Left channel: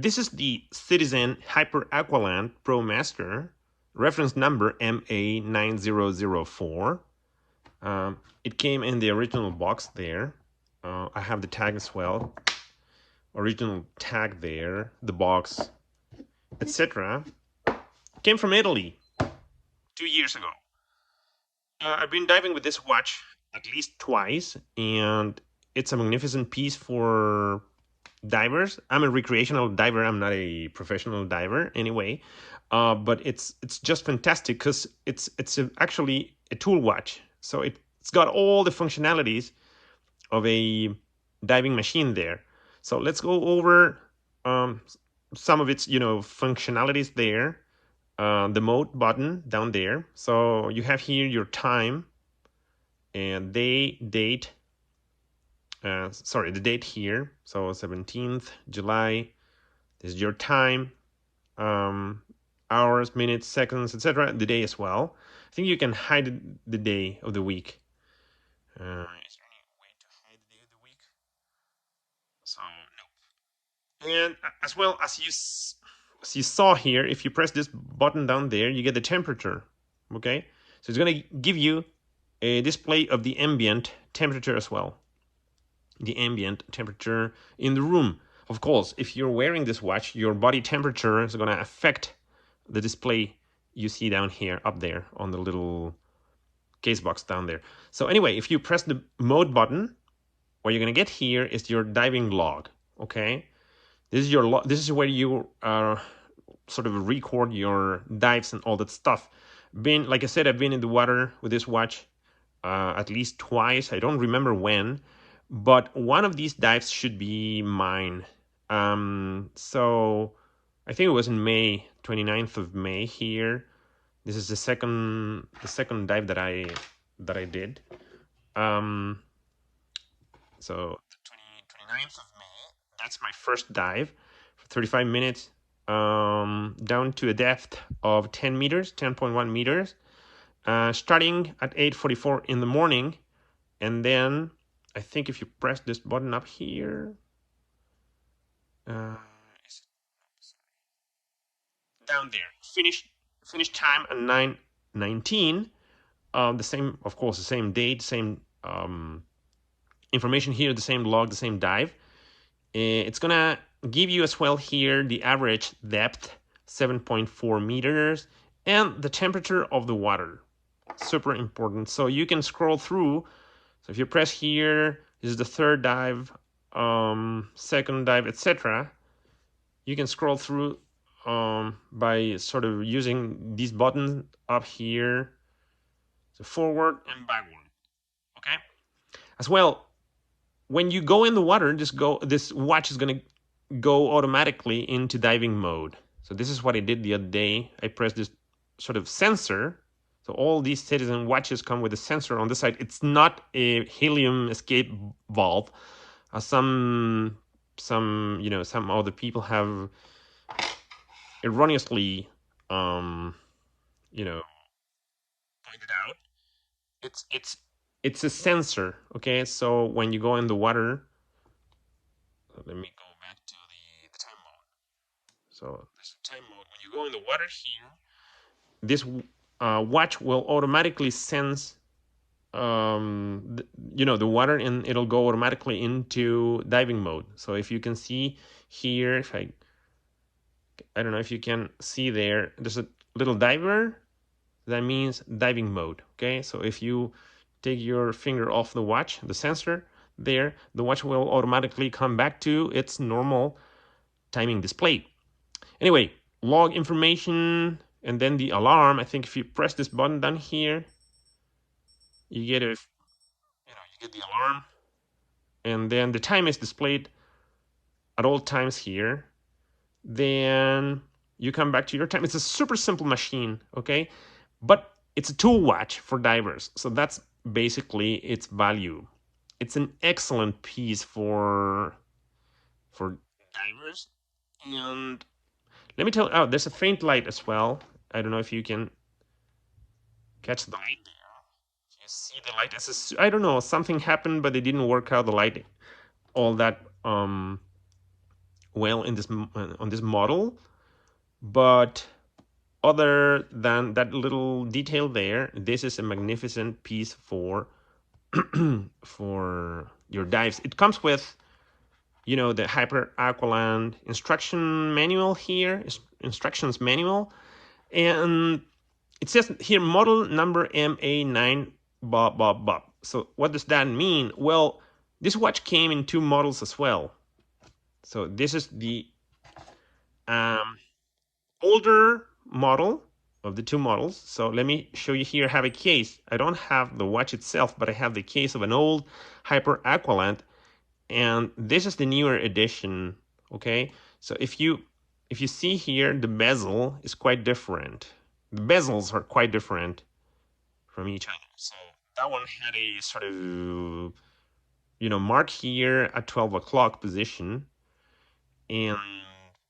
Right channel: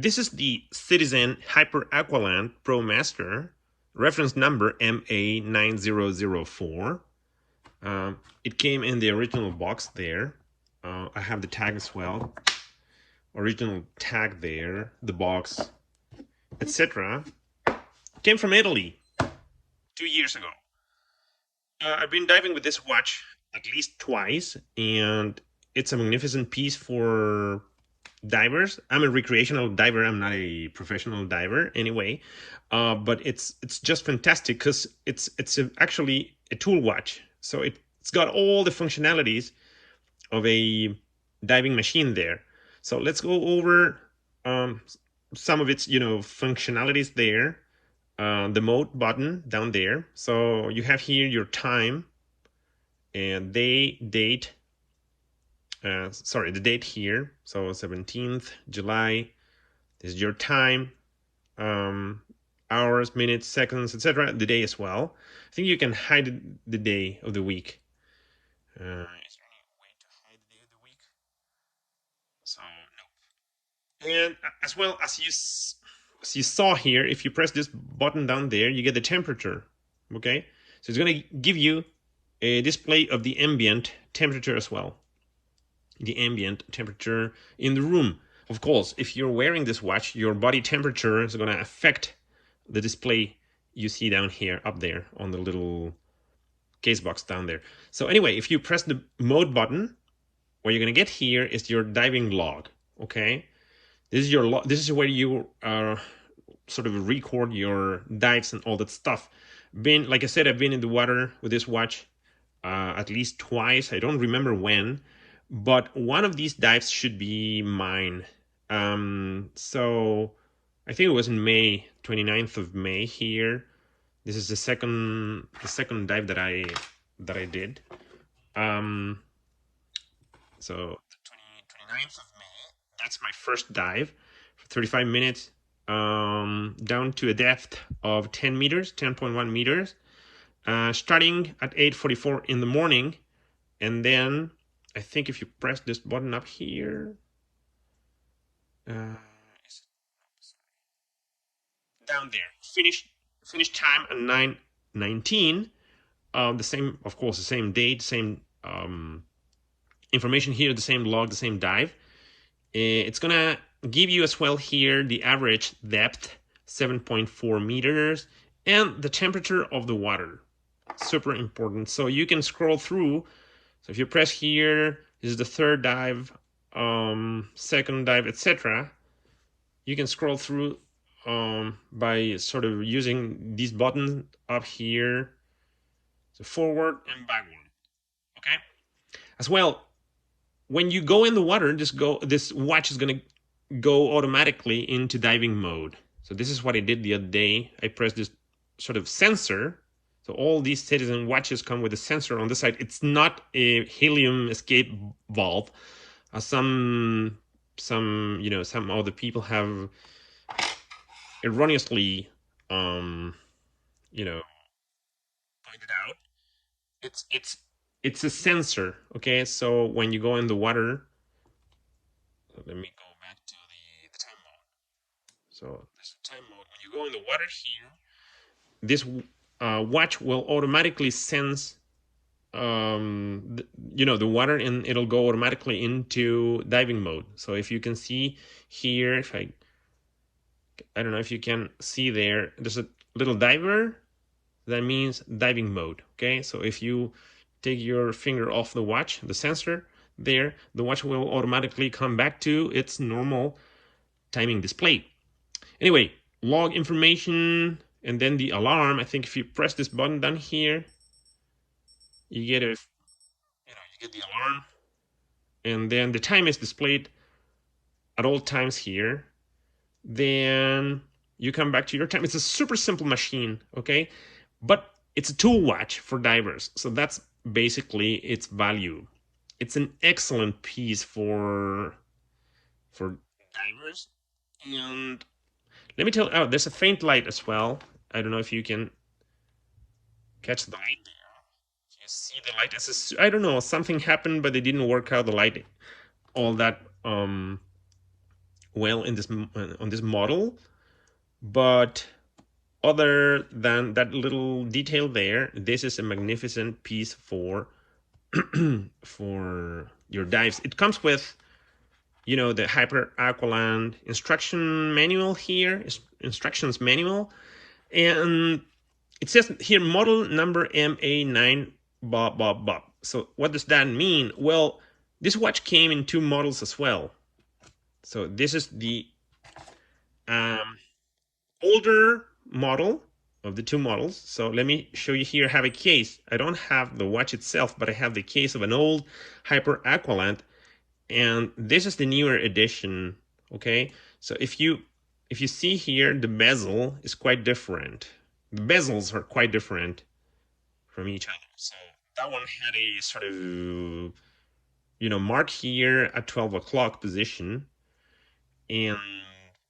This is the Citizen Hyper Aqualand Pro Master, reference number MA9004. It came in the original box there. I have the tag as well. Original tag there, the box, etc. Came from Italy 2 years ago. I've been diving with this watch at least twice, and it's a magnificent piece for divers. I'm a recreational diver. I'm not a professional diver anyway, but it's just fantastic because it's actually a tool watch. So it's got all the functionalities of a diving machine there. So let's go over some of its functionalities there. The mode button down there. So you have here your time and date. Sorry, the date here. So 17th July. This is your time, hours, minutes, seconds, etc. The day as well. I think you can hide the day of the week. Is there any way to hide the day of the week? So no. And as well as you saw here, if you press this button down there, you get the temperature. Okay, so it's going to give you a display of the ambient temperature as well. The ambient temperature in the room. Of course, if you're wearing this watch, your body temperature is going to affect the display you see down here, up there on the little case box down there. So anyway, if you press the mode button, what you're going to get here is your diving log. Okay, this is your this is where you sort of record your dives and all that stuff. Like I said, I've been in the water with this watch at least twice. I don't remember when, but one of these dives should be mine. So I think it was in May, 29th of May here. This is the second dive that I did. So 29th of May, that's my first dive for 35 minutes, down to a depth of 10 meters, 10.1 meters, starting at 8:44 in the morning. And then I think if you press this button up here, down there, finish time at 9:19. The same, of course, the same date, same information here, the same log, the same dive. It's gonna give you as well here the average depth, 7.4 meters, and the temperature of the water. Super important. So you can scroll through. So if you press here, this is the third dive, second dive, etc. You can scroll through by sort of using these buttons up here, so forward and backward. Okay. As well, when you go in the water, this watch is gonna go automatically into diving mode. So this is what I did the other day. I pressed this sort of sensor. So all these Citizen watches come with a sensor on the side. It's not a helium escape valve. Some other people have erroneously pointed out. It's a sensor. Okay, so when you go in the water, let me go back to the time mode. So there's the time mode. When you go in the water here, this watch will automatically sense the water, and it'll go automatically into diving mode. So if you can see here, if I don't know if you can see there's a little diver. That means diving mode. Okay, so if you take your finger off the watch, the sensor there, the watch will automatically come back to its normal timing display. Anyway, log information, and then the alarm. I think if you press this button down here, you get you get the alarm, and then the time is displayed at all times here. Then you come back to your time. It's a super simple machine, okay? But it's a tool watch for divers, so that's basically its value. It's an excellent piece for divers. And let me tell you, there's a faint light as well. I don't know if you can catch the light there. You see the light. I don't know, something happened, but it didn't work out the light all that well in this on this model, but other than that little detail there, this is a magnificent piece for for your dives. It comes with, you know, the Hyper Aqualand instruction manual here, instructions manual, and it says here model number MA9 bob bob bob. So what does that mean? Well, this watch came in two models as well. So this is the older model of the two models. So let me show you here. I have a case. I don't have the watch itself, but I have the case of an old Hyper Aqualand, and this is the newer edition. Okay, so if you see here, the bezel is quite different. The bezels are quite different from each other. So that one had a sort of, you know, mark here at 12 o'clock position, and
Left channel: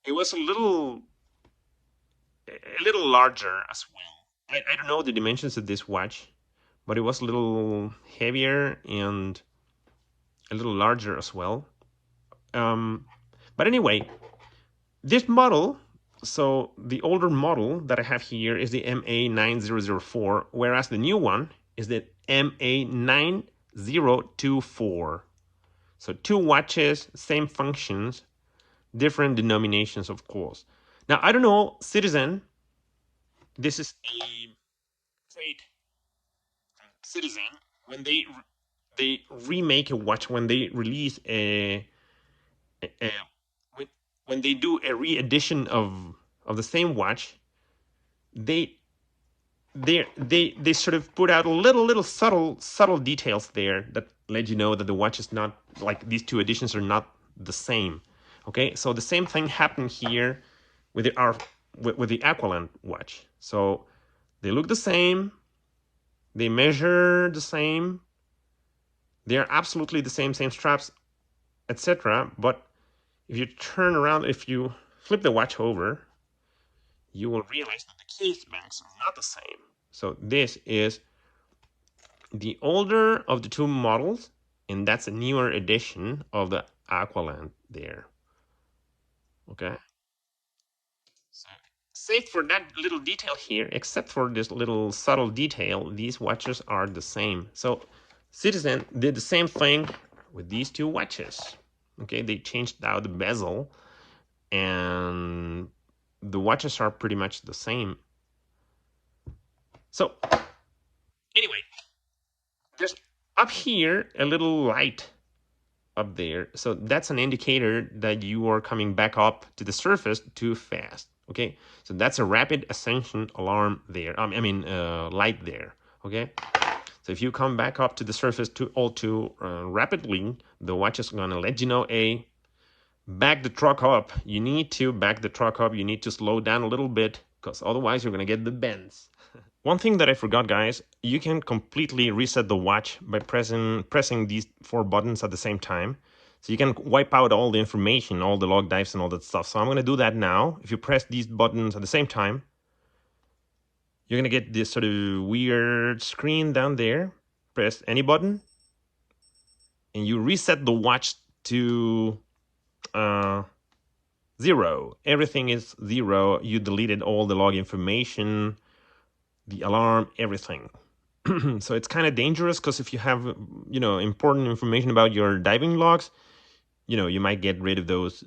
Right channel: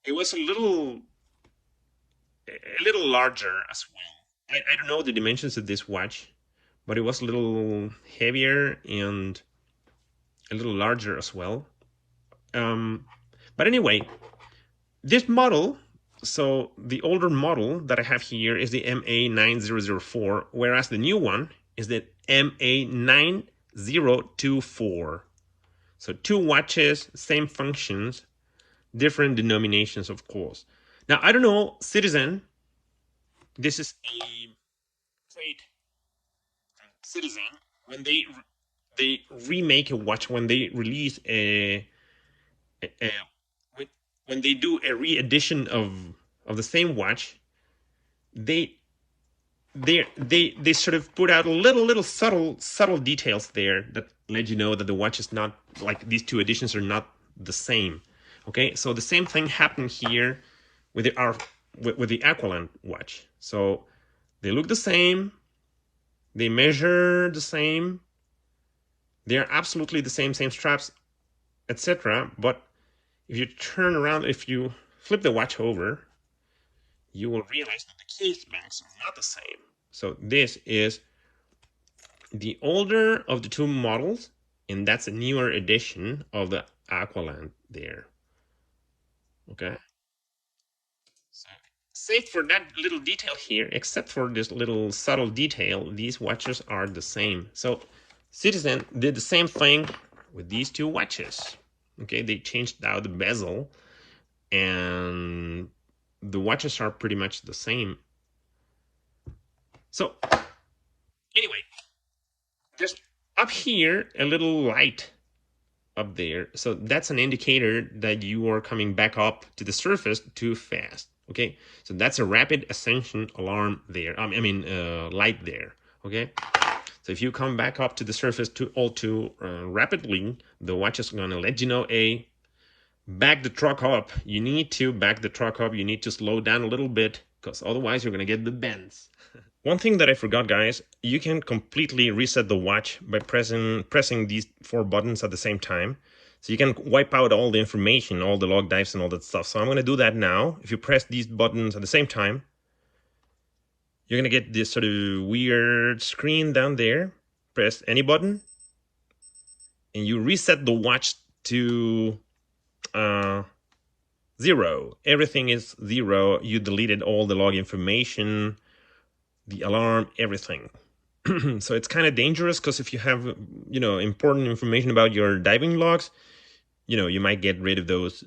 it was a little larger as well. I don't know the dimensions of this watch, but it was a little heavier and a little larger as well. But anyway, this model, so the older model that I have here is the MA9004, whereas the new one is the MA9024. So two watches, same functions, different denominations, of course. Now, I don't know, Citizen, this is a great Citizen, when they remake a watch, when they release a when they do a re-edition of the same watch, they sort of put out little subtle details there that let you know that the watch is not like these two editions are not the same. Okay, so the same thing happened here with the Aqualand watch. So they look the same, they measure the same, they are absolutely the same straps, etc. But if you turn around, if you flip the watch over, you will realize that the case backs are not the same. So this is the older of the two models, and that's a newer edition of the Aqualand there. Okay. So, save for that little detail here, except for this little subtle detail, these watches are the same. So Citizen did the same thing with these two watches. Okay, they changed out the bezel, and the watches are pretty much the same. So anyway, there's up here a little light up there. So that's an indicator that you are coming back up to the surface too fast. Okay, so that's a rapid ascension alarm there. I mean, light there. Okay, so if you come back up to the surface too rapidly, the watch is gonna let you know, back the truck up. You need to back the truck up. You need to slow down a little bit, because otherwise you're gonna get the bends. One thing that I forgot, guys, you can completely reset the watch by pressing these four buttons at the same time. So you can wipe out all the information, all the log dives and all that stuff. So I'm going to do that now. If you press these buttons at the same time, you're going to get this sort of weird screen down there. Press any button, and you reset the watch to 0. Everything is 0. You deleted all the log information, the alarm, everything. So it's kind of dangerous, because if you have, you know, important information about your diving logs, you know, you might get rid of those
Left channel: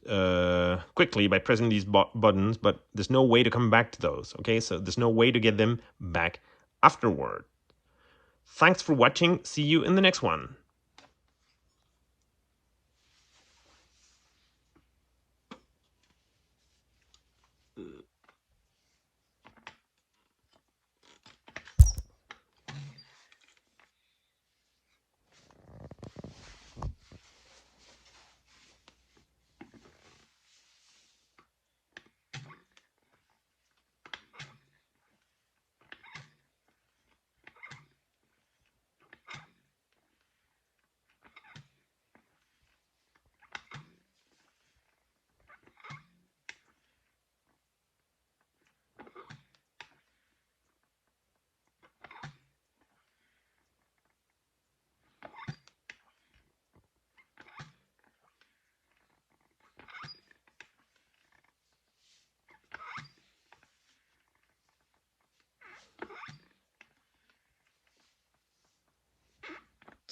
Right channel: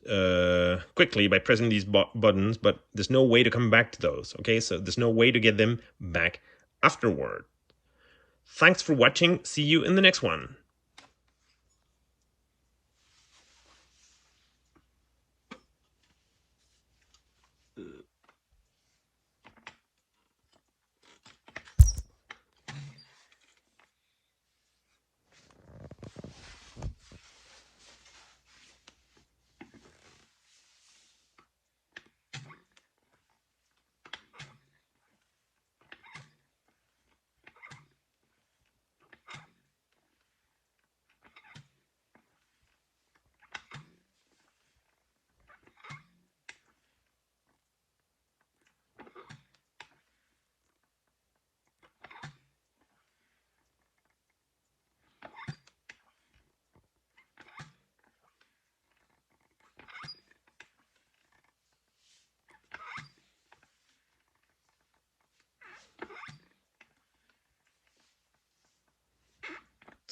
quickly by pressing these buttons, but there's no way to come back to those. Okay, so there's no way to get them back afterward. Thanks for watching. See you in the next one.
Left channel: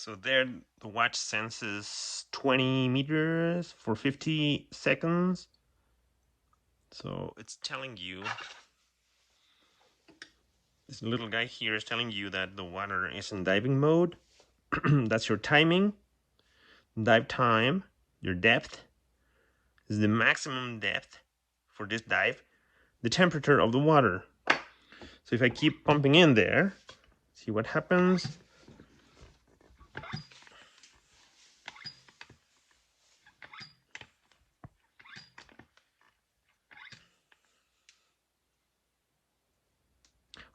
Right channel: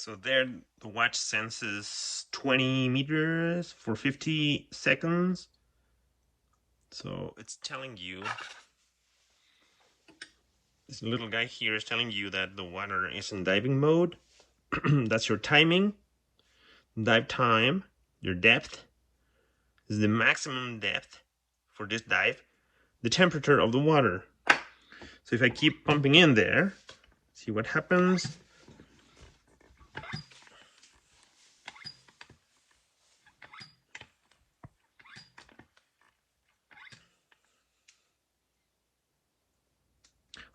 So there the watch senses 20 meters for 50 seconds. So it's telling you, this little guy here is telling you that the water is in diving mode. That's your timing, dive time, your depth. This is the maximum depth for this dive, the temperature of the water. So if I keep pumping in there, see what happens.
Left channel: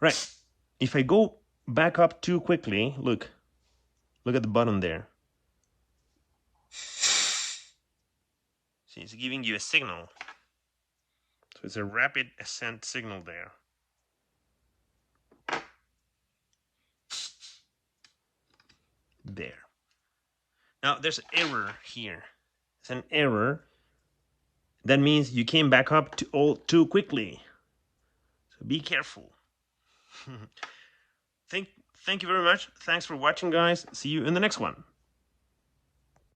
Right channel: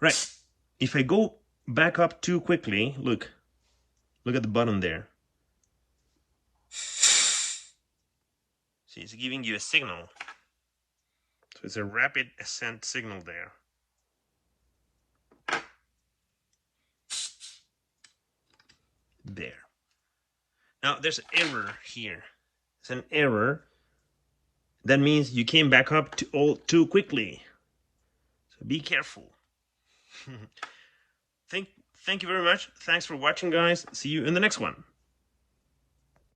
Right, if I go back up too quickly, look at the bottom there. See, it's giving you a signal. So it's a rapid ascent signal there. There. Now there's an error here. It's an error. That means you came back up too quickly. So be careful. Thank you very much. Thanks for watching, guys. See you in the next one.